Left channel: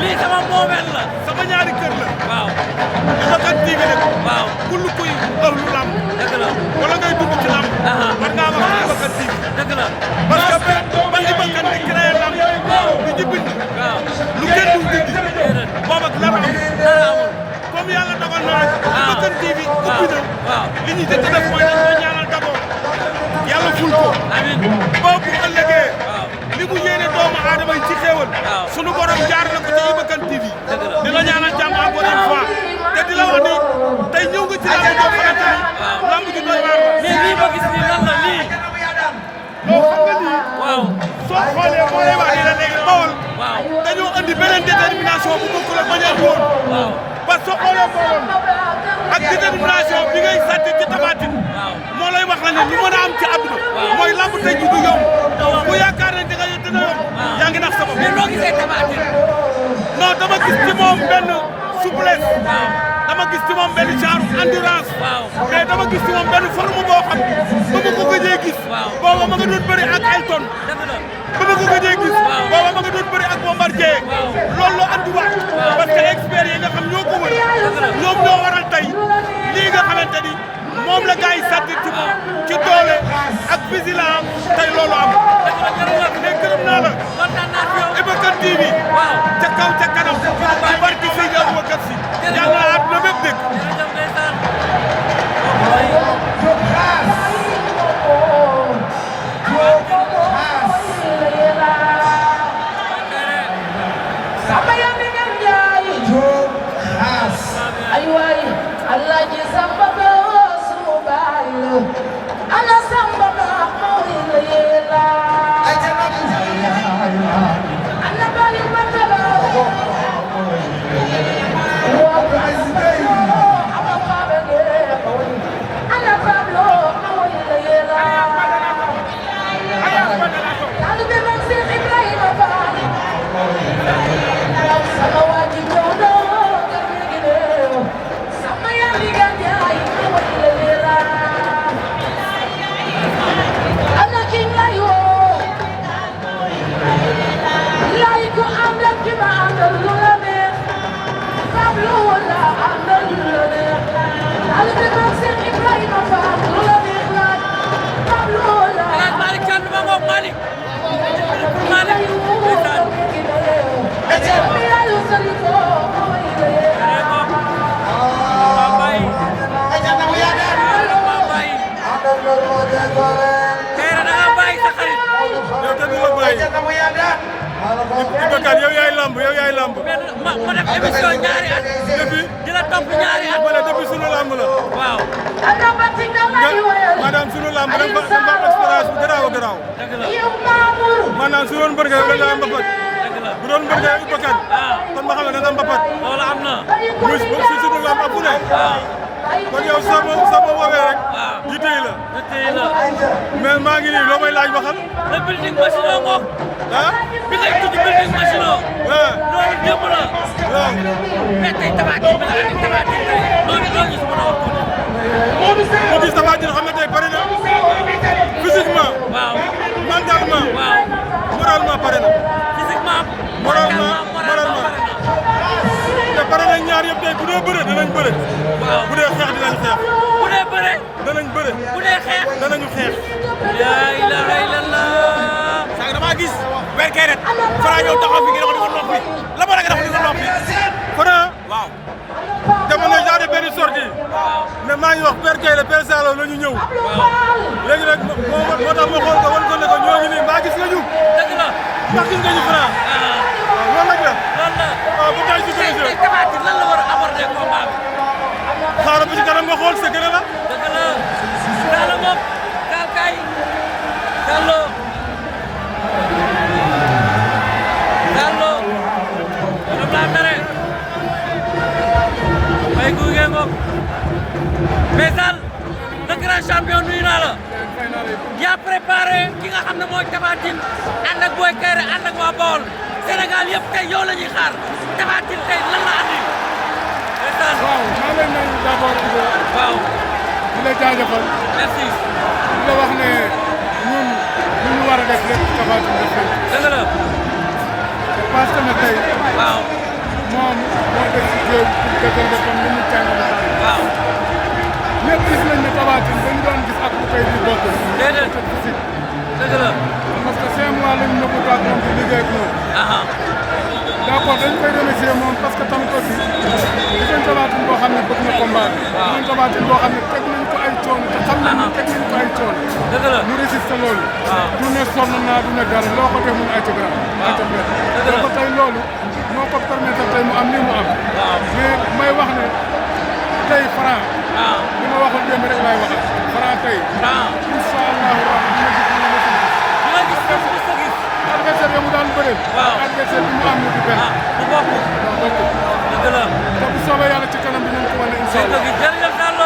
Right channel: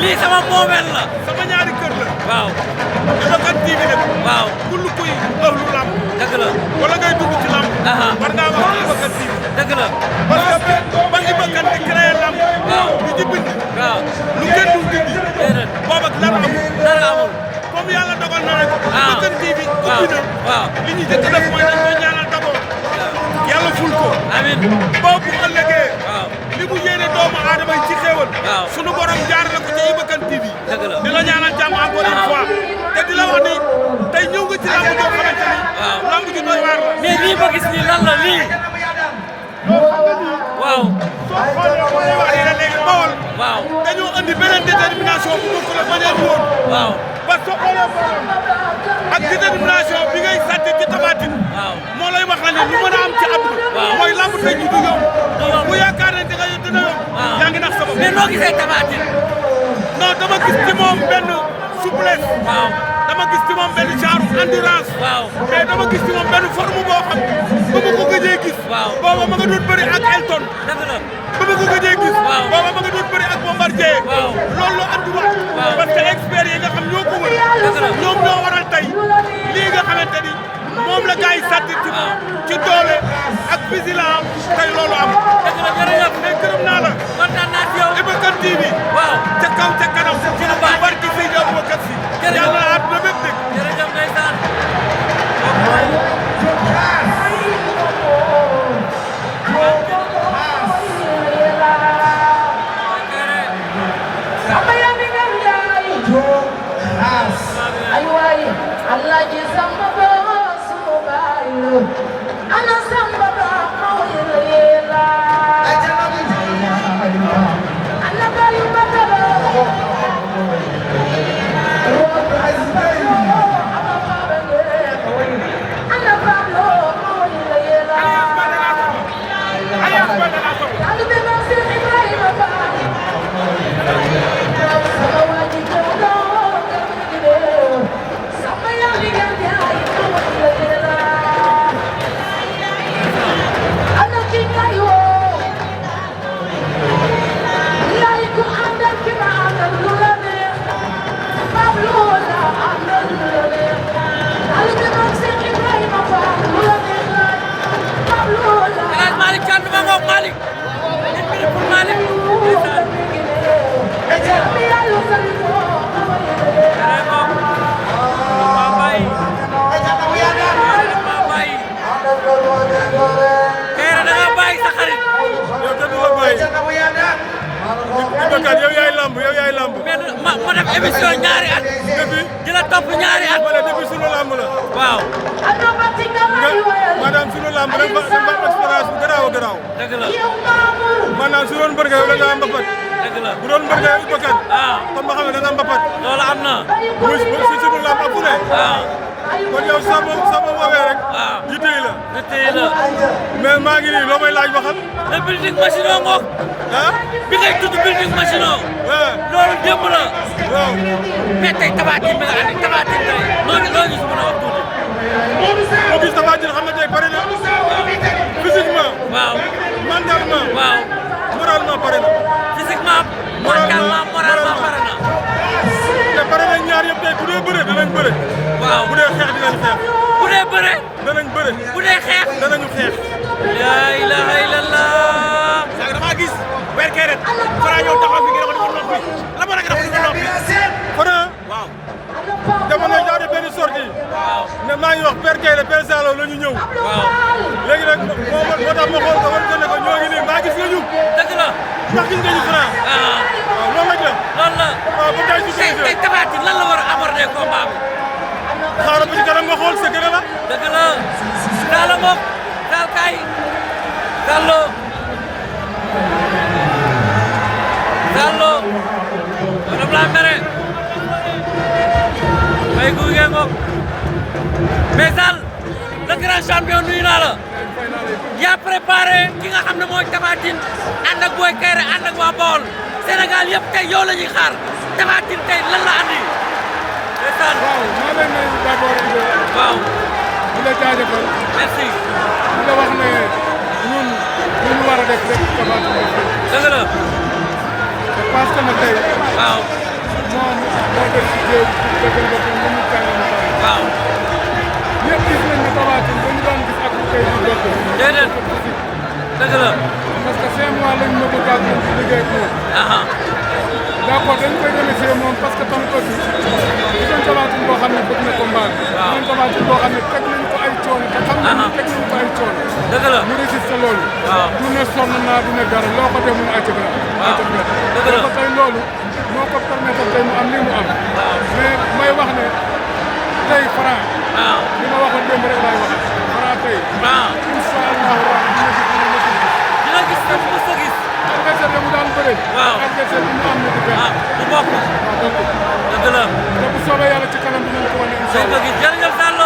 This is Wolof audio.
lii sama moomeel la sama ñaari kër la waaw Iba Kane TV nag waaw kullu kuy ëllu lamb dëgg la wala ngay dund ci lamb war ngaa wax Iba Kane TV dëgg la parce que ba Iba Kane di créé lamb di ci bind waaw lu kenn dul dindi boobu ak dara amul comme yàlla dogal na nag Iba Kane TV ubbi na li ñuy jëkk def mooy dañ koy ñaanal d'abord yàlla ful ko amiin boobu bu ëllëgee li mu yéene doomu aadama yi ci xéewal sunu borom jaarale ko ci Iba Kane TV di la ñaanal jàmm encore une fois te di la wax ni tey ñëw nga ci lamb joo xamante ni lamb ju doy waar la mais lii ma gis nii lan la lii waaw soo xoolee moo lay wax ni la léegi Bawol dañoo andi beneen détermination bu bokkul ak bañ a andi woon waaw ba soo xoolee Bawol ak détermination bi ngay sàcc ci Tapha Tine moo lay wax la ne lu mën a am ci àdduna mooy lamb tey ji du yomb bu yaakaar ne dina yomb yaa ngi nax sa bopp mais noo gisee Tapha Tine non dama gis ci moom benn souplesse dama gis ci moom benn genre endurance mais dama gis ci moom benn forme boo xam ba ma ko gëjee gis booba ma nga doon bëri ak Elton ba ma ko gëjee gis booba ma nga doon bëri ak Bombardier loolu la endurance parce que experts yi nga xam ñoo ko wër ñoom ñoo waral tey lii nga xamante ni moom la gars yi sàttir ci moom ci doole ak vigilance tey loolu am mais gërëm naa la Iba Kane TV ca kaw ca kanam barki fii di Aboubacar Sy yàlla na àdduna bépp dégg Iba Kane yow yaay lamb ma def émission ñaari at depuis di la topp ñaari at wala depuis sunu lamb la waaw maanaam sunu lamb da nga fa expérience bu garaaw a garaaw dëgg la maanaam su doon mbër nga yow da nga am mbapat bu doon mbër nga yow Iba Kane kon ma xam ne da nga am mbapat loolu am na muy si sunu lamb ak fu ne kon yow soo ma woowee rek yitte yi la mais maa ngi nii loo may laaj ba xam le building machine ngoog bi ngay tudd building machine loolu démb la waaw mais tey Tapha Tine bi nga andi Tapha Tine loolu su mën a wax tuuti mu gis Tapha Tine xam ne tey pare na physiquement mentalement moralement pare na physiquement moralement te pare nañ ñaar yëpp tey bu dee bëre danañ bëre bu dee xeex dinañ xeex bu dee bëre danañ bëre bu dee xeex danañu xeex la ilaha illallah maa gis weer kee rek Franc ñëw taxaw fi nga ko noppi la moo tax nga ko noppi. Franc waaw. jamono yi daal benn sortie ne maa ngi wax Père Keyle Père Salo la ñu ñëw. waaw léegi nag moo tax ma xool ko wan ko ne ko ñoo ngi nii mbaa gis nga ñu. dëgg la. ndax gis nga ñu Franc. waaw loolu rek la. loolu la. waaw ba tey ci solution. tey Tapha Tine lan la war a aborder combat bi. xaaral ba ci kanam nga xool secret la. dëgg la. Salo moom Sall kay. Salo. Salo. dama laa mere. may guy ngeen ngoog. mais Sall le grand champion nuyu naa la. yaa préparé ki nga xam ne mooy Tapha Tine ànd ak Boy Kaïré ànd ak waa Bawol Sénégal yëpp tey yow la ñuy xaar Tapha Tine tey lan la andi. waaw maa lay nuyu d'abord Ibo. waaw. di la jaajëfal. merci. di la wax ne ñun li ñu war a def lépp Tapha Tine def lépp. dëgg la. c'est parce que nag tey. waaw. moom moo def ci jéem pour dëggal boppam ni mu tàng mu tàng. waaw. ñëpp gis nañ ne Tapha Tine ba ñu doon gis ak bu koy di bokk. déedéet. dëgg la. parce que 5 mois lañ nëbbu ak moom di liggéey ak moom. d'accord dañ koy remercier moom parce que tamit aussi di doon Tapha Tine boo xam ne bëgg na combat bi. waaw di doon Tapha Tine boo xam ne teg nañ ko ay coono te xam nañ ne teg nañ ko ay coono. dëgg la mu résiste loolu. waaw du ne sonn naa du ne dara loo ko def mu ne ay ca grand. ay ca benn. dëgg la tey loolu moo ko permettre tey mu am lii mu am. waaw mais may wax ne tey Franc. waaw li ma waxoon démb rek laay waxaat. Franc tey. waaw incha allahu rabbi dina gis ñu ne dina gis ko mu sa gis. adversaire mu daan bëreel. waaw adversaire bi mu am ne du benn. du bokk. waaw bokk. dëgg la. te bu soobee yàlla ci kanam dinañ ko wane incha allah. jërëjëf Sall.